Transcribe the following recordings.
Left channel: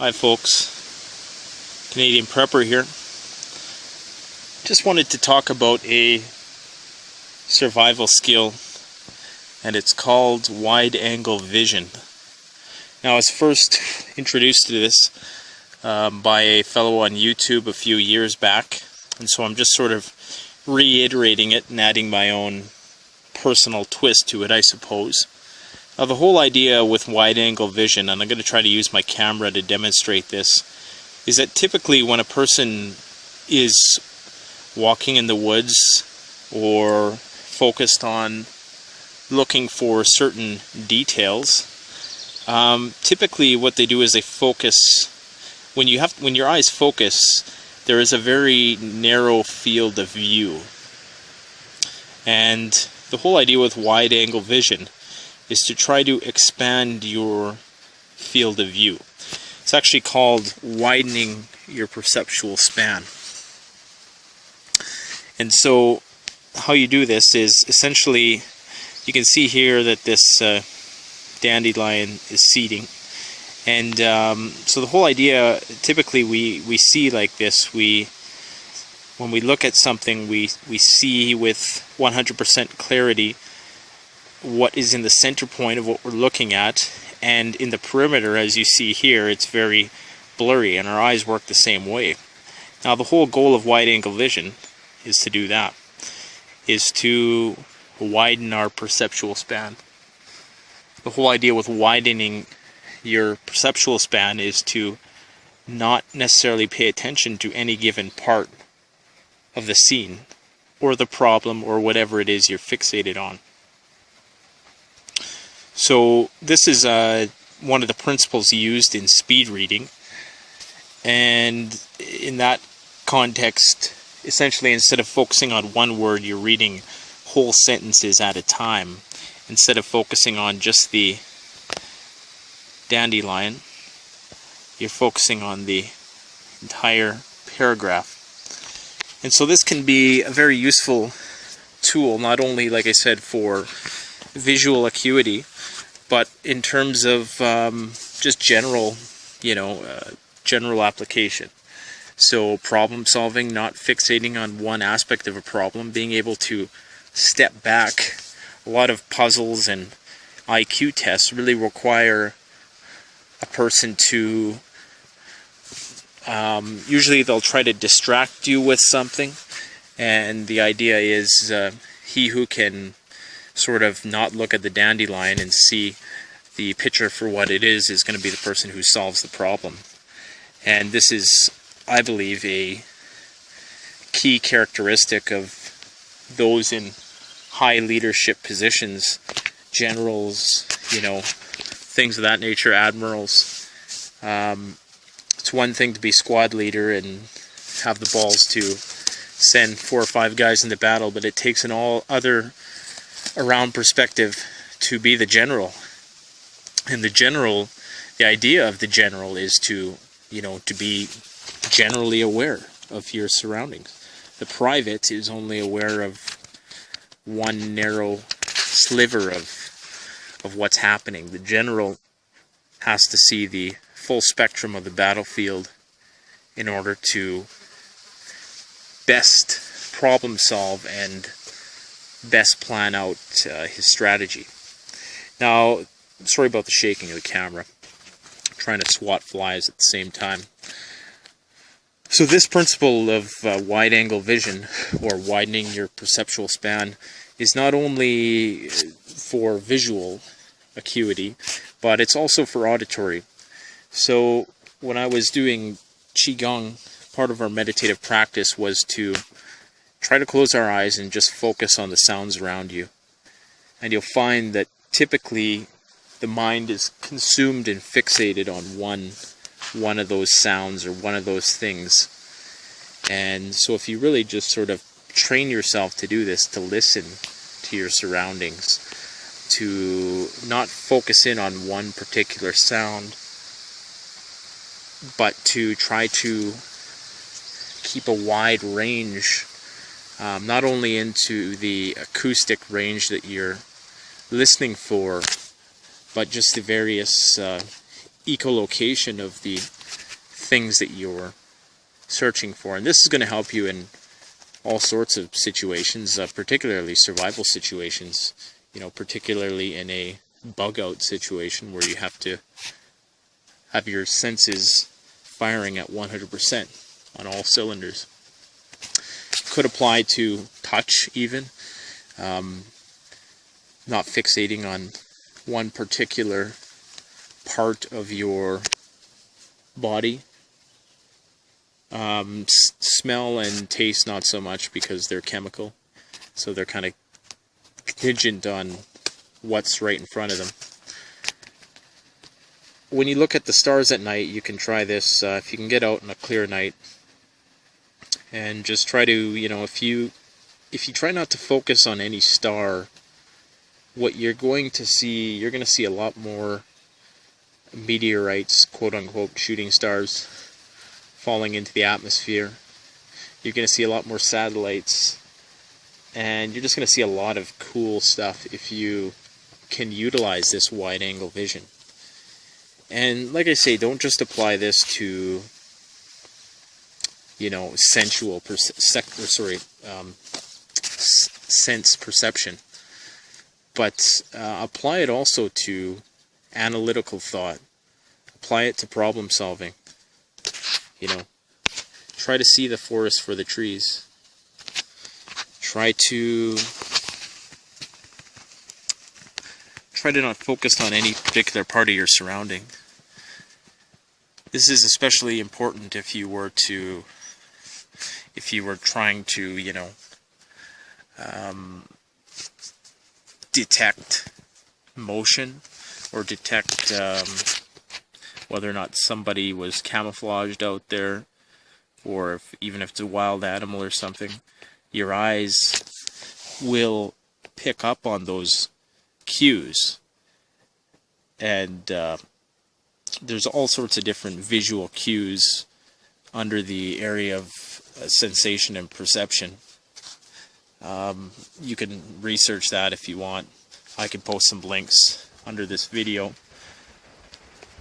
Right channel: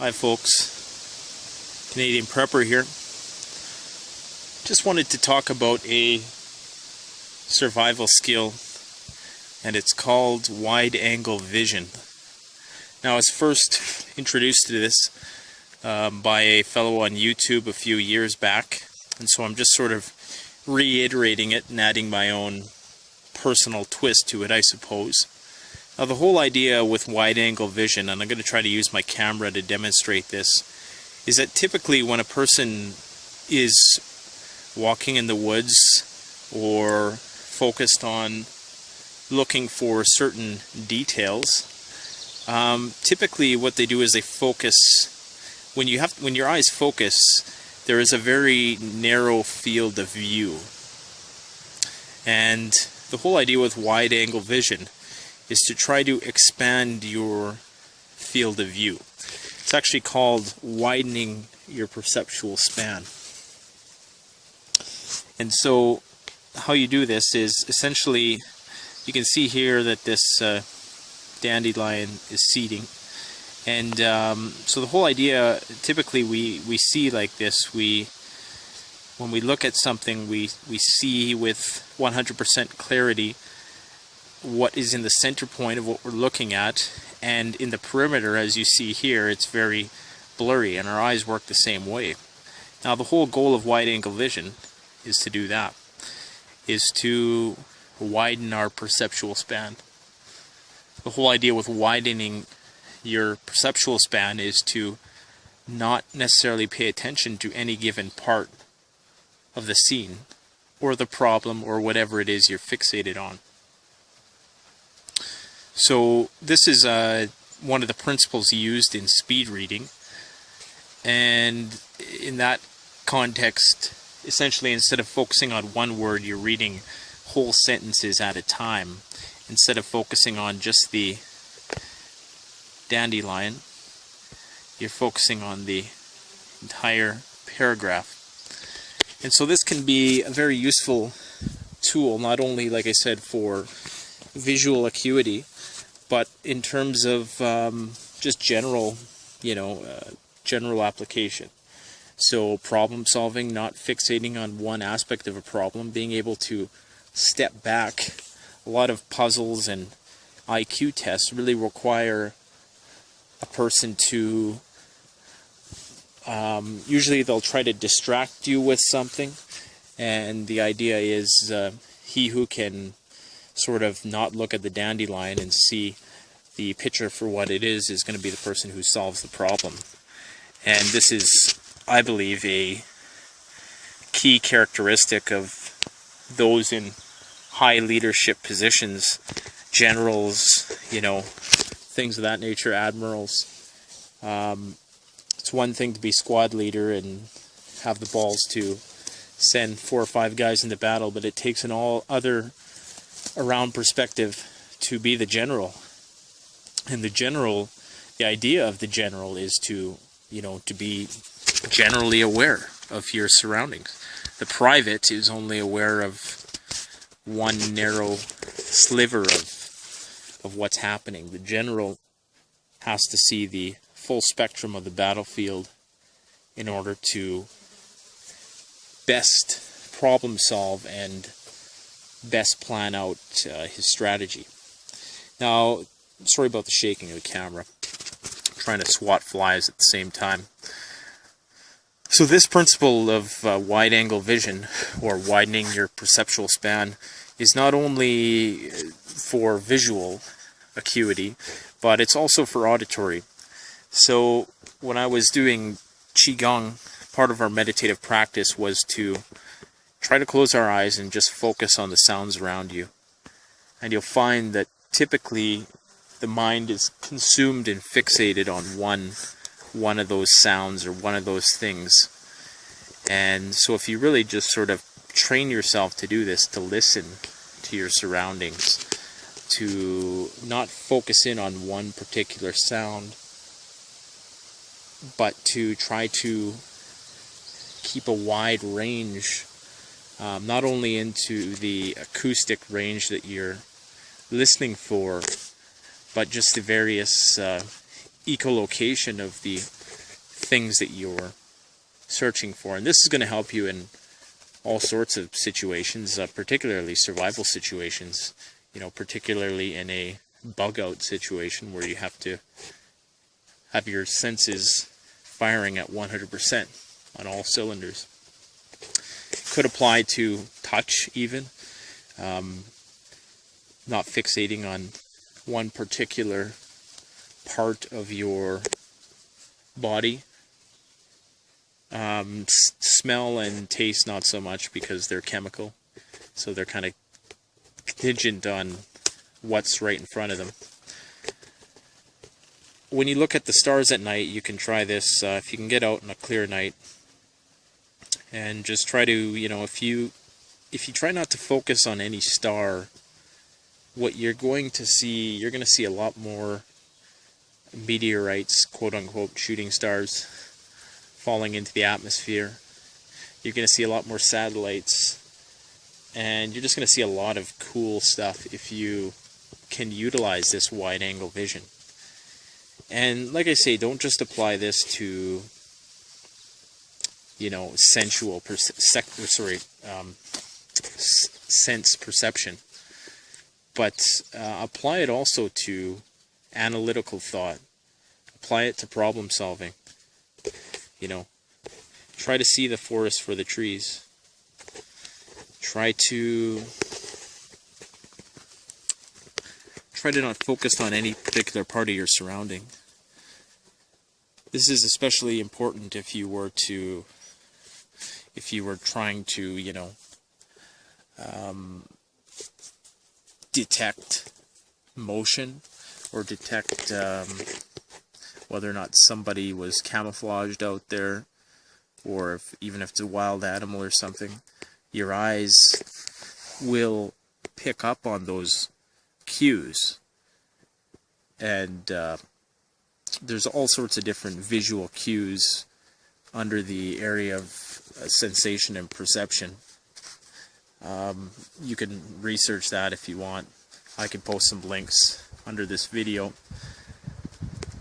Hi folks, Canadian Prepper here. Just wanted to talk about a survival skill, and it's called wide angle vision. Now I was first introduced to this by a fellow on YouTube a few years back, and so I'm just sort of reiterating it and adding my own personal twist to it, I suppose. Now the whole idea with wide angle vision, and I'm going to try to use my camera to demonstrate this, is that typically when a person is walking in the woods or focused on looking for certain details, typically what they do is they focus. When your eyes focus, there is a very narrow field of view, and the whole idea with wide angle vision is to try to expand your field of view. It's actually called widening your perceptual span. And so how you do this is essentially, you can see here that this dandelion is seeding. And so the whole idea, typically we see like this, when we look at something, we see with 100% clarity what is in the center point of what we're looking at, and in the perimeter, as you see here, it's very blurry, and our eyes work the same way. Now the whole goal of wide angle vision is to do that, is to widen our perceptual span. The whole idea with widening your perceptual span is to not necessarily pay attention to any given part of the scene or the problem or whatever it is you're fixated on. So this is one of the principles used in speed reading, and in that context, essentially instead of focusing on one word, you're reading whole sentences at a time. Instead of focusing on just the dandelion, you're focusing on the entire paragraph. And so this can be a very useful tool, not only, like I said, for visual acuity, but in terms of just general, general application. So problem solving, not fixating on one aspect of a problem, being able to step back. A lot of puzzles and IQ tests really require a person to, usually they'll try to distract you with something, and the idea is he who can sort of not look at the dandelion and see the picture for what it is going to be the person who solves the problem. And this is, I believe, a key characteristic of those in high leadership positions, generals, things of that nature, admirals. It's one thing to be squad leader and have the balls to send 4 or 5 guys into battle, but it takes an all other around perspective to be the general. And the idea of the general is to be generally aware of your surroundings. The private is only aware of one narrow sliver of what's happening. The general has to see the full spectrum of the battlefield in order to best problem solve and best plan out his strategy. Now, sorry about the shaking of the camera. I'm trying to swat flies at the same time. So this principle of wide angle vision, or widening your perceptual span, is not only for visual acuity, but it's also for auditory. So when I was doing Qigong, part of our meditative practice was to try to close our eyes and just focus on the sounds around you. And you'll find that typically the mind is consumed and fixated on one of those sounds or one of those things. And so if you really just sort of train yourself to do this, to listen to your surroundings, to not focus in on one particular sound, but to try to keep a wide range, not only into the acoustic range that you're listening for, but just the various echolocation of the things that you're searching for. And this is going to help you in all sorts of situations, particularly survival situations, particularly in a bug out situation where you have to have your senses firing at 100% on all cylinders. Could apply to touch even, not fixating on one particular part of your body. Smell and taste not so much, because they're chemical, so they're kind of contingent on what's right in front of them. When you look at the stars at night, you can try this if you can get out on a clear night, and just try to, if you try not to focus on any star, what you're going to see a lot more meteorites, quote unquote, shooting stars falling into the atmosphere. You're going to see a lot more satellites, and you're just going to see a lot of cool stuff if you can utilize this wide angle vision. And like I say, don't just apply this to sensual sense perception, but apply it also to analytical thought. Apply it to problem solving. Try to see the forest for the trees. Try to not focus on any particular part of your surrounding. This is especially important if you were trying to, detect motion, or detect whether or not somebody was camouflaged out there, or even if it's a wild animal or something. Your eyes will pick up on those cues, and there's all sorts of different visual cues under the area of sensation and perception. You can research that if you want. I can post some links under this video,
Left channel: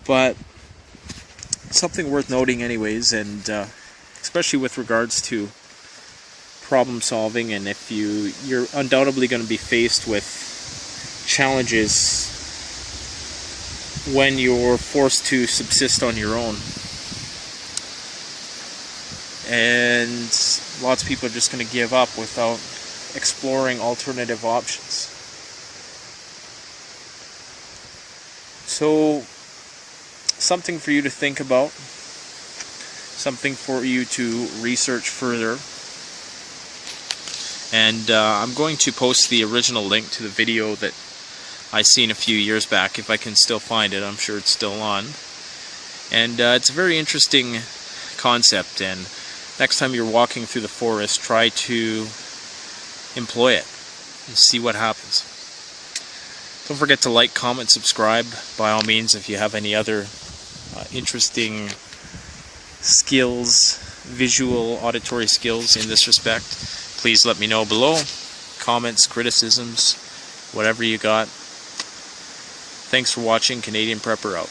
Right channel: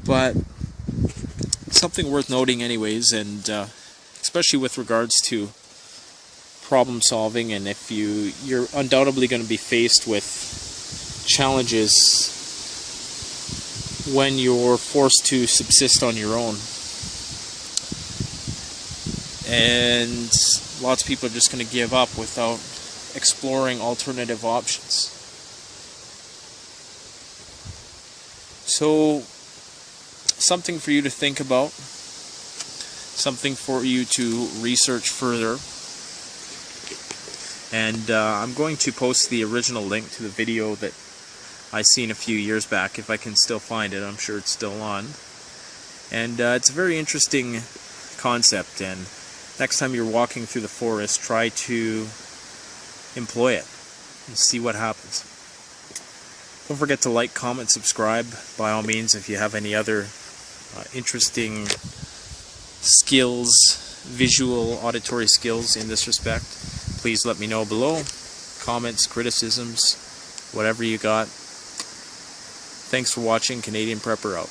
but something worth noting anyways, and especially with regards to problem solving, and if you're undoubtedly going to be faced with challenges when you're forced to subsist on your own, and lots of people are just going to give up without exploring alternative options. So, something for you to think about, something for you to research further. And I'm going to post the original link to the video that I seen a few years back, if I can still find it. I'm sure it's still on. And it's a very interesting concept, and next time you're walking through the forest, try to employ it and see what happens. Don't forget to like, comment, subscribe, by all means, if you have any other interesting skills, visual, auditory skills in this respect. Please let me know below. Comments, criticisms, whatever you got. Thanks for watching. Canadian Prepper out.